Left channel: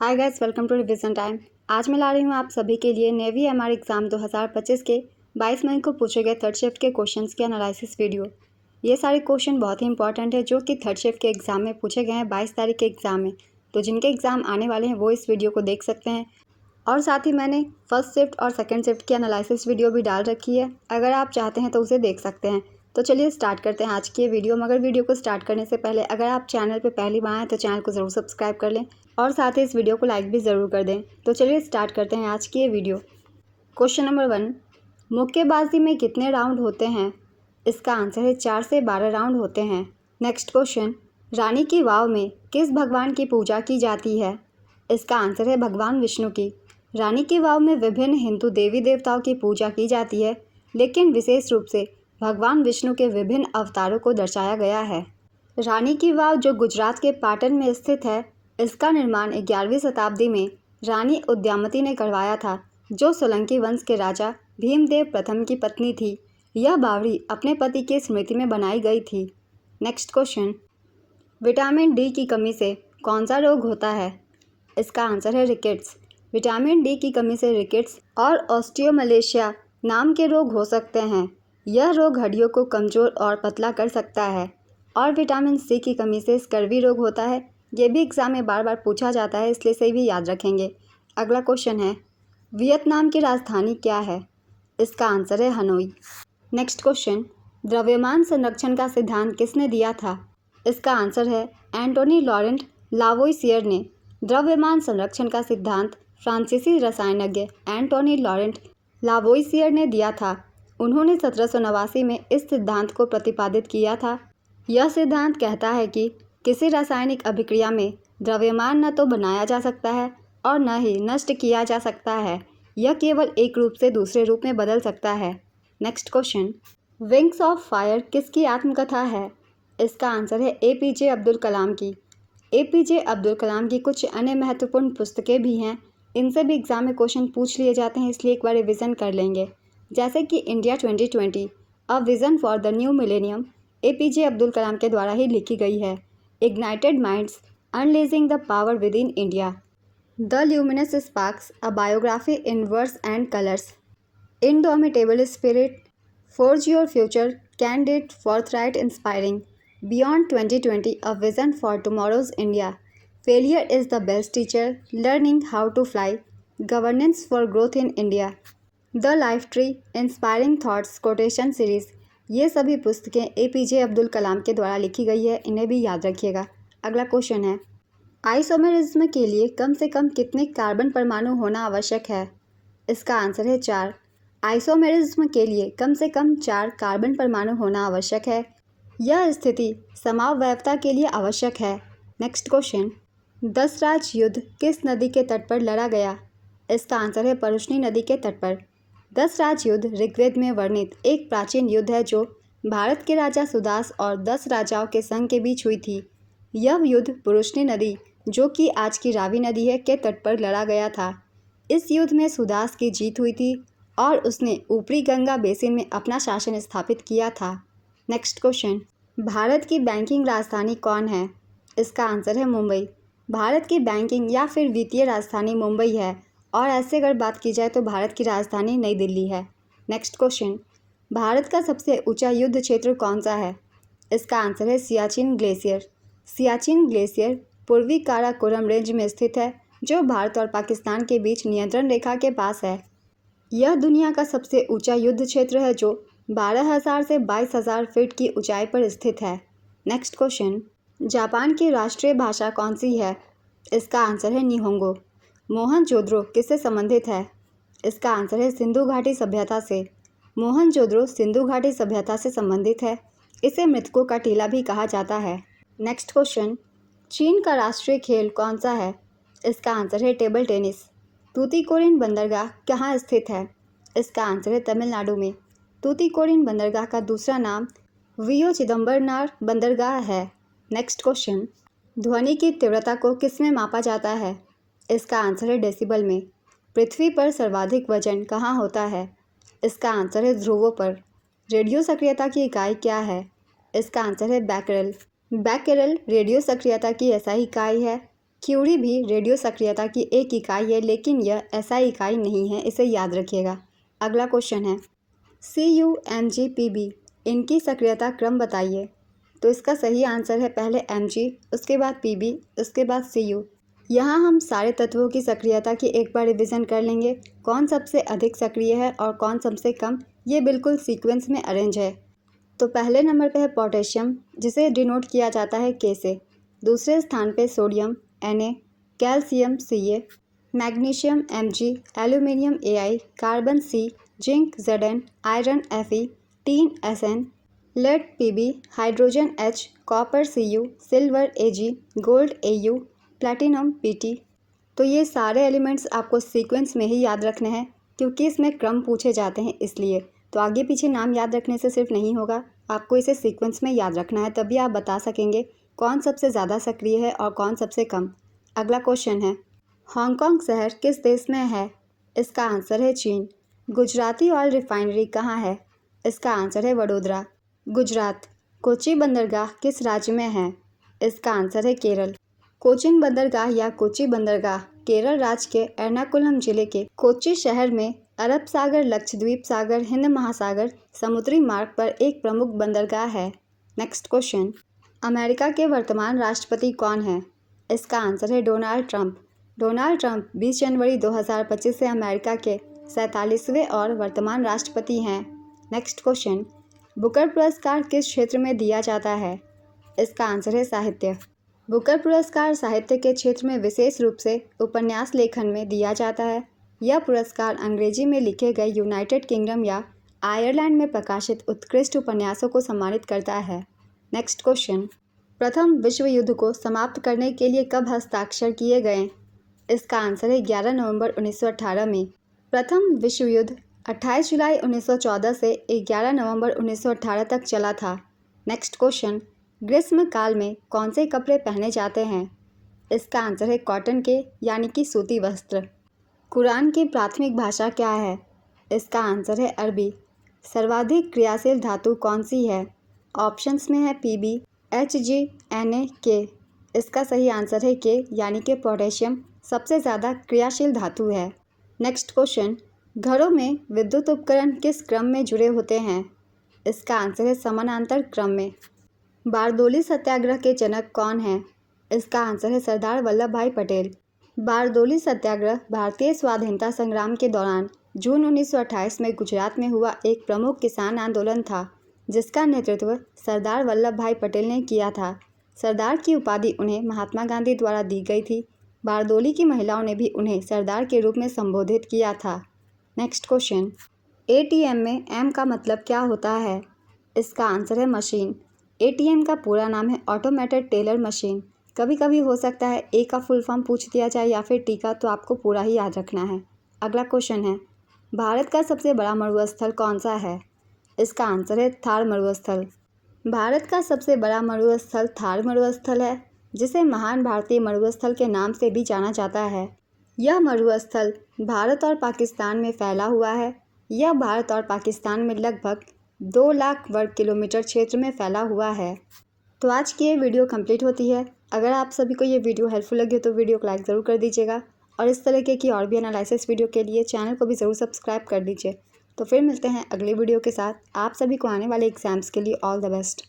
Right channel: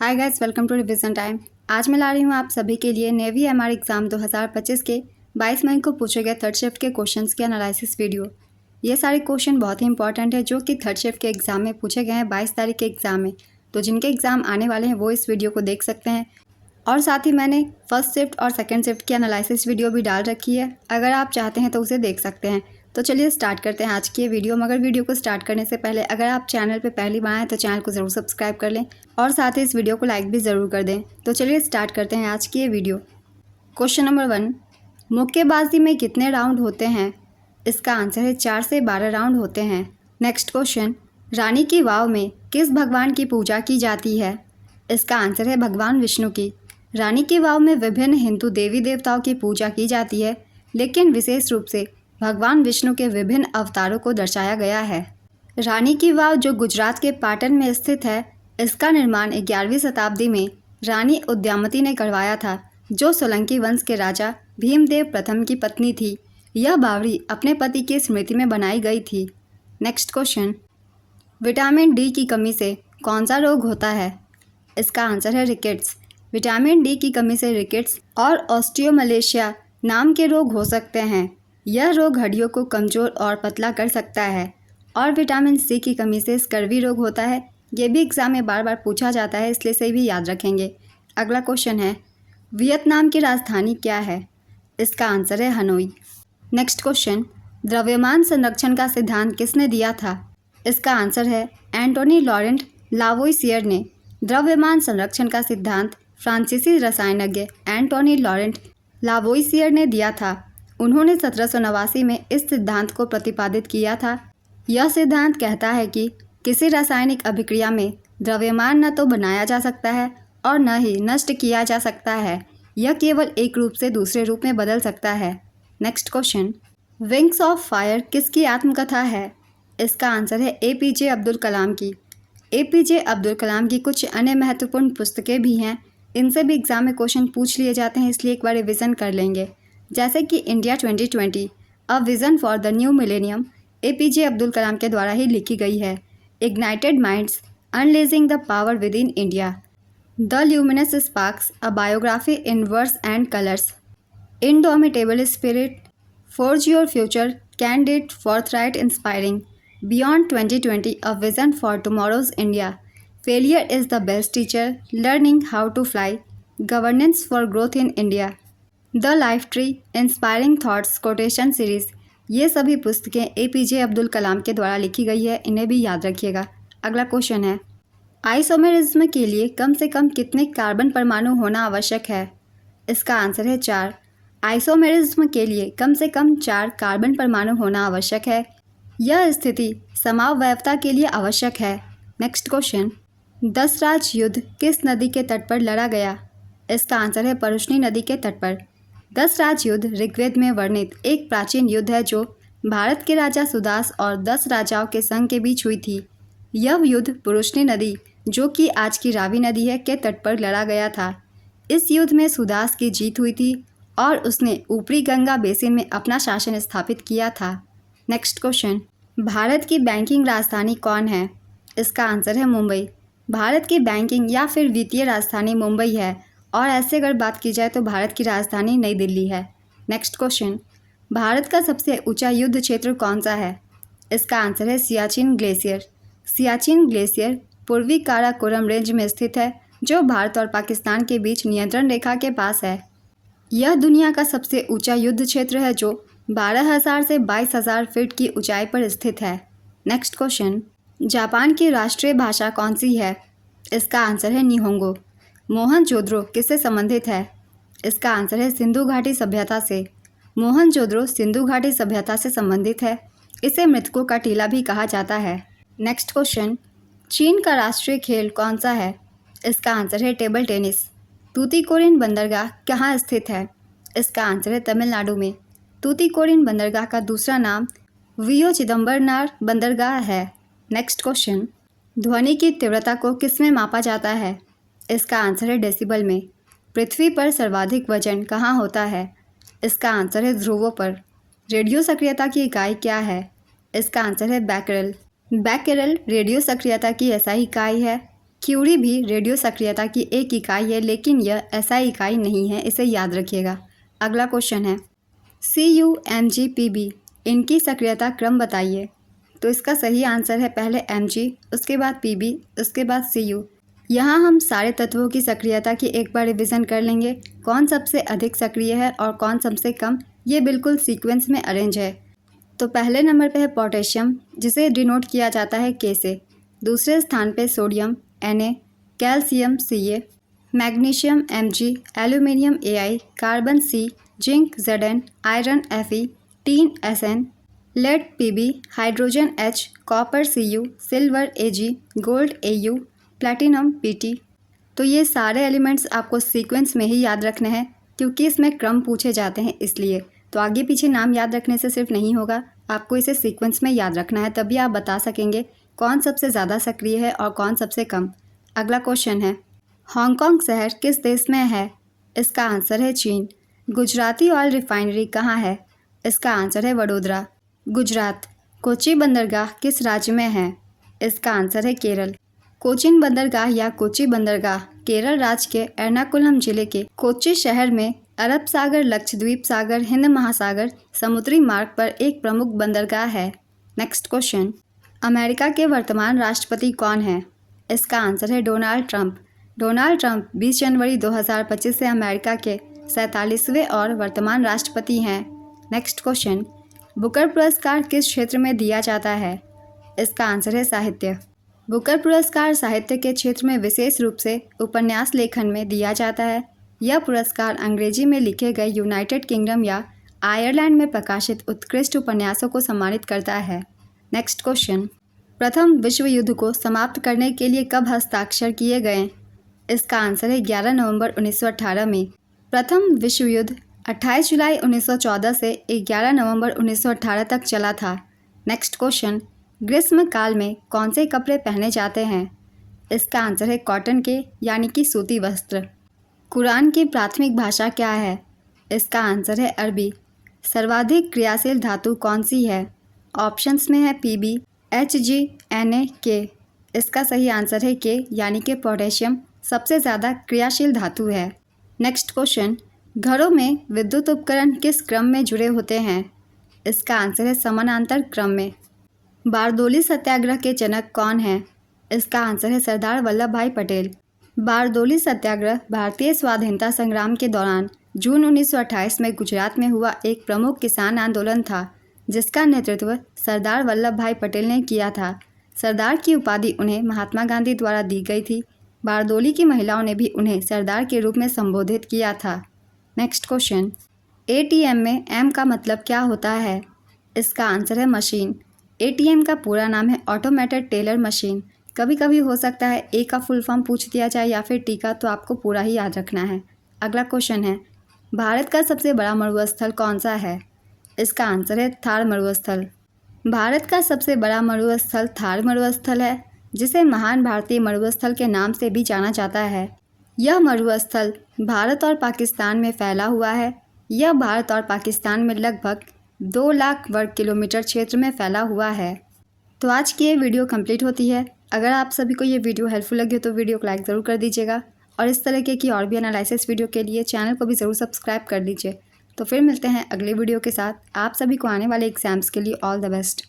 Hi guys, welcome to revision time. आज मैं ला रही हूँ आप सभी के लिए नेवी एमआर एग्ज़ाम 2025 के 22 मई को पूछे गए थर्ड शिफ्ट के क्वेश्चंस की एनालिसिस वीडियो। ये सारे क्वेश्चन बहुत ही इंपॉर्टेंट है जो कि थर्ड शिफ्ट के एग्ज़ाम में पूछे गए हैं 22 तारीख के एग्ज़ाम में। तो जिनके एग्ज़ाम आने वाले हैं वो इस वीडियो को देख सकते हैं। और साथ ही मैंने फर्स्ट शिफ्ट और सेकेंड शिफ्ट की एनालिसिस वीडियो भी डाल रखी है, अगर आप चाहते हैं तो उसे देख सकते हैं। तो चलिए स्टार्ट करते हैं आज की ये वीडियो। मगर वीडियो को स्टार्ट करने से पहले अगर आप चैनल पे पहली बार आए तो चैनल को ज़रूर सब्सक्राइब कर लें और साथ ही इस वीडियो को लाइक भी ज़रूर कर दें। तो चलिए स्टार्ट करते हैं आज की ये वीडियो। क्वेश्चन नंबर 1, मुक्केबाजी में कितने राउंड होते हैं? इसका आंसर है 4 से 12 राउंड होते हैं। नेक्स्ट क्वेश्चन, रानी की वाव में किस भगवान की पूजा की जाती है? इसका आंसर है भगवान विष्णु की। रानी की वाव में विभिन्न हिंदू देवी देवताओं की पूजा की जाती है, लेकिन विशेष रूप से भगवान विष्णु के विभिन्न अवतारों को दर्शाया गया है। रानी की वाव जो गुजरात के पाटन में स्थित है, इसका निर्माण 11वीं शताब्दी में रानी उद्यामती ने करवाया था, जो सोलंकी वंश के राजा भीमदेव प्रथम की पत्नी थी। यह बावड़ी अपने पति की स्मृति में बनाई गई थी। नेक्स्ट क्वेश्चन, विटामिन डी की कमी से कौन सा रोग होता है? इसका आंसर है रिकेट्स। विटामिन डी की कमी से रिकेट्स और ऑस्टियोमलेशिया नाम के रोग हो सकते हैं। यह रोग हड्डियों को कमज़ोर और पतला कर सकता है। और विटामिन सी की कमी से स्कर्वी रोग होता है। ये भी एग्ज़ाम में बार बार पूछा जाता है, इसलिए सही भी याद रखेंगे। अगला क्वेश्चन है, वियतनाम की राजधानी क्या है? इसका आंसर है हनोई। नेक्स्ट क्वेश्चन, द्रव्यमान संरक्षण का सिद्धांत किसने दिया था? इसका आंसर है एंटोनी लॉरेंट लावोइसियर ने। द्रव्यमान संरक्षण का सिद्धांत फ्रांसीसी रसायनज्ञ एंटोनी लॉरेंट लावोइसियर ने दिया था। उन्होंने 1789 में इस सिद्धांत को प्रतिपादित किया था। यह सिद्धांत कहता है कि किसी रासायनिक अभिक्रिया में द्रव्यमान न तो बनाया जा सकता है और न ही नष्ट किया जा सकता है। यह केवल एक रूप से दूसरे रूप में बदल सकता है। Next question, wings of fire किसकी आत्मकथा है? इसका आंसर है एपीजे अब्दुल कलाम की। एपीजे अब्दुल कलाम की कुछ अन्य महत्वपूर्ण पुस्तकें भी हैं, इनसे भी एग्ज़ाम में क्वेश्चन पूछ लिए जाते हैं, इसलिए एक बार रिविज़न कर लेंगे। जैसे कि India 2020 a vision for the new millennium APJ Abdul Kalam के द्वारा ही लिखी गई है। Ignited minds unleashing the power within India, the luminous sparks a biography in words and colours, indomitable spirit, forge your future, candidate forthright inspiring, beyond 2020 a vision for tomorrow's India, failure is the best teacher, learning how to fly, governance for growth in India, the life tree, inspiring thoughts quotation series. ये सभी पुस्तकें APJ Abdul Kalam के द्वारा लिखी गई है, इन्हें भी याद रखिएगा। अगला क्वेश्चन है, आइसोमेरिज्म के लिए कम से कम कितने कार्बन परमाणु होना आवश्यक है? इसका आंसर है 4। आइसोमेरिज्म के लिए कम से कम 4 कार्बन परमाणु होना आवश्यक है। यह स्थिति समावयवता के लिए आवश्यक है। नेक्स्ट क्वेश्चन, दसराज युद्ध किस नदी के तट पर लड़ा गया? इसका आंसर है परुष्णी नदी के तट पर। दसराज युद्ध ऋग्वेद में वर्णित एक प्राचीन युद्ध है जो भारत के राजा सुदास और 10 राजाओं के संघ के बीच हुई थी। यह युद्ध परुष्णी नदी, जो कि आज की रावी नदी है, के तट पर लड़ा गया था। इस युद्ध में सुदास की जीत हुई थी और उसने ऊपरी गंगा बेसिन में अपना शासन स्थापित किया था। नेक्स्ट क्वेश्चन, भारत की बैंकिंग राजधानी कौन है? इसका आंसर है मुंबई। भारत की बैंकिंग या फिर वित्तीय राजधानी मुंबई है, और ऐसे अगर बात की जाए तो भारत की राजधानी नई दिल्ली है। नेक्स्ट क्वेश्चन, भारत का सबसे ऊंचा युद्ध क्षेत्र कौन सा है? इसका आंसर है सियाचिन ग्लेशियर। सियाचिन ग्लेशियर पूर्वी काराकोरम रेंज में स्थित है, जो भारत और पाकिस्तान के बीच नियंत्रण रेखा के पास है। यह दुनिया का सबसे ऊंचा युद्ध क्षेत्र है जो 12,000 से 22,000 फीट की ऊंचाई पर स्थित है। नेक्स्ट क्वेश्चन, जापान की राष्ट्रीय भाषा कौन सी है? इसका आंसर है निहोंगो। मोहनजोदड़ो किससे संबंधित है? इसका आंसर है सिंधु घाटी सभ्यता से। मोहनजोदड़ो सिंधु घाटी सभ्यता से संबंधित है। इसे मृतकों का टीला भी कहा जाता है। नेक्स्ट क्वेश्चन, चीन का राष्ट्रीय खेल कौन सा है? इसका आंसर है टेबल टेनिस। तूतीकोरिन बंदरगाह कहाँ स्थित है? इसका आंसर है तमिलनाडु में। तूतीकोरिन बंदरगाह का दूसरा नाम वियो चिदम्बरनार बंदरगाह है। नेक्स्ट क्वेश्चन, ध्वनि की तीव्रता को किस में मापा जाता है? इसका आंसर है डेसिबल में। पृथ्वी पर सर्वाधिक वजन कहाँ होता है? इसका आंसर है ध्रुवों पर। रेडियो सक्रियता की इकाई क्या है? इसका आंसर है बैकरेल। बैकरेल रेडियो सक्रियता की ऐसा ही इकाई है। क्यूरी भी रेडियो सक्रियता की एक इकाई है, लेकिन यह SI इकाई नहीं है, इसे याद रखिएगा। अगला क्वेश्चन है CUMGPB, इनकी सक्रियता क्रम बताइए। तो इसका सही आंसर है पहले Mg, उसके बाद Pb, उसके बाद Cu। यहाँ हम सारे तत्वों की सक्रियता की एक बार रिवीजन कर लेंगे। कौन सबसे अधिक सक्रिय है और कौन सबसे कम, ये बिल्कुल सीक्वेंस में अरेंज है। तो पहले नंबर पे है पोटेशियम, जिसे डिनोट किया जाता है K से। दूसरे स्थान पे sodium Na, calcium Ca, magnesium Mg, aluminium Ai, carbon C, zinc Zn, iron Fe, tin Sn, lead Pb, hydrogen H, copper Cu, silver Ag, gold Au, platinum Pt। तो ये सारे एलिमेंट्स आपको सीक्वेंस में ही याद रखने हैं, क्योंकि इसमें क्रम पूछे जाते हैं इसलिए। तो आगे पीछे नाम याद रखने से सिर्फ नहीं होगा, आपको इसे सीक्वेंस में याद रखना है, तभी आप बता सकेंगे कौन सबसे ज़्यादा सक्रिय है और कौन सबसे कम। अगला क्वेश्चन है हांगकांग शहर किस देश में है? इसका आंसर है चीन। गुजराती ऑयल रिफाइनरी कहाँ है? इसका आंसर है वडोदरा, गुजरात। कोची बंदरगाह किस राज्य में है? इसका आंसर है केरल। कोचिन बंदरगाह या कोची बंदरगाह केरल राज्य के एर्नाकुलम जिले के कोच्चि शहर में अरब सागर, लक्षद्वीप सागर, हिंद महासागर समुद्री मार्ग पर एक प्रमुख बंदरगाह है। नेक्स्ट क्वेश्चन, अमेरिका के वर्तमान राष्ट्रपति कौन है? इसका आंसर है डोनाल्ड ट्रंप। डोनाल्ड ट्रंप 20 जनवरी 2025 से अमेरिका के 47वें और वर्तमान राष्ट्रपति हैं। नेक्स्ट क्वेश्चन, बुकर पुरस्कार किस क्षेत्र में दिया जाता है? इसका आंसर है साहित्य। बुकर पुरस्कार साहित्य के क्षेत्र में विशेष रूप से उपन्यास लेखन में दिया जाता है। यह पुरस्कार अंग्रेजी में लिखे गए यूनाइटेड किंगडम या आयरलैंड में प्रकाशित उत्कृष्ट उपन्यासों को सम्मानित करता है। नेक्स्ट क्वेश्चन, प्रथम विश्व युद्ध को समाप्त करने के लिए कब हस्ताक्षर किए गए? इसका आंसर है 11 नवंबर 1918 में। प्रथम विश्व युद्ध 28 जुलाई 1914 से 11 नवंबर 1918 तक चला था। नेक्स्ट क्वेश्चन, ग्रीष्म काल में कौन से कपड़े पहने जाते हैं? इसका आंसर है कॉटन के यानी कि सूती वस्त्र। कुरान की प्राथमिक भाषा क्या है? इसका आंसर है अरबी। सर्वाधिक क्रियाशील धातु कौन सी है? ऑप्शंस में है Pb, Hg, Na, K। इसका सही आंसर है K यानी कि पोटेशियम सबसे ज़्यादा क्रियाशील धातु है। नेक्स्ट क्वेश्चन, घरों में विद्युत उपकरण किस क्रम में जुड़े होते हैं? इसका आंसर है समानांतर क्रम में। बारदोली सत्याग्रह के जनक कौन है? इसका आंसर है सरदार वल्लभ भाई पटेल। बारदोली सत्याग्रह भारतीय स्वाधीनता संग्राम के दौरान जून 1928 में गुजरात में हुआ एक प्रमुख किसान आंदोलन था, जिसका नेतृत्व सरदार वल्लभ भाई पटेल ने किया था। सरदार की उपाधि उन्हें महात्मा गांधी द्वारा दी गई थी। बारदोली की महिलाओं ने भी उन्हें सरदार के रूप में संबोधित किया था। नेक्स्ट क्वेश्चन, ATM में M का मतलब क्या होता है? इसका आंसर है मशीन। ATM का पूरा नाम है ऑटोमेटेड टेलर मशीन। कभी कभी हो सकता है A का फुल फॉर्म पूछ दिया जाए या फिर T का, तो आपको पूरा ही याद रखना है। अगला क्वेश्चन है, भारत का सबसे बड़ा मरुस्थल कौन सा है? इसका आंसर है थार मरुस्थल। भारत का सबसे बड़ा मरुस्थल थार मरुस्थल है, जिसे महान भारतीय मरुस्थल के नाम से भी जाना जाता है। यह मरुस्थल भारत और पाकिस्तान में फैला हुआ है। यह भारत और पाकिस्तान में लगभग 2 लाख वर्ग किलोमीटर क्षेत्र में फैला हुआ है। तो आज की ये वीडियो कंप्लीट होती है। अगर आप सभी को ये वीडियो हेल्पफुल लगी हो तो वीडियो को लाइक ज़रूर कर दीजिएगा, और इस तरीके की और भी एनालिसिस वीडियो के लिए चैनल को भी ज़रूर सब्सक्राइब कर दीजिए। तो फिर मिलते हैं अगले वीडियो के साथ। आप सभी को आने वाले एग्जाम्स के लिए ऑल द बेस्ट।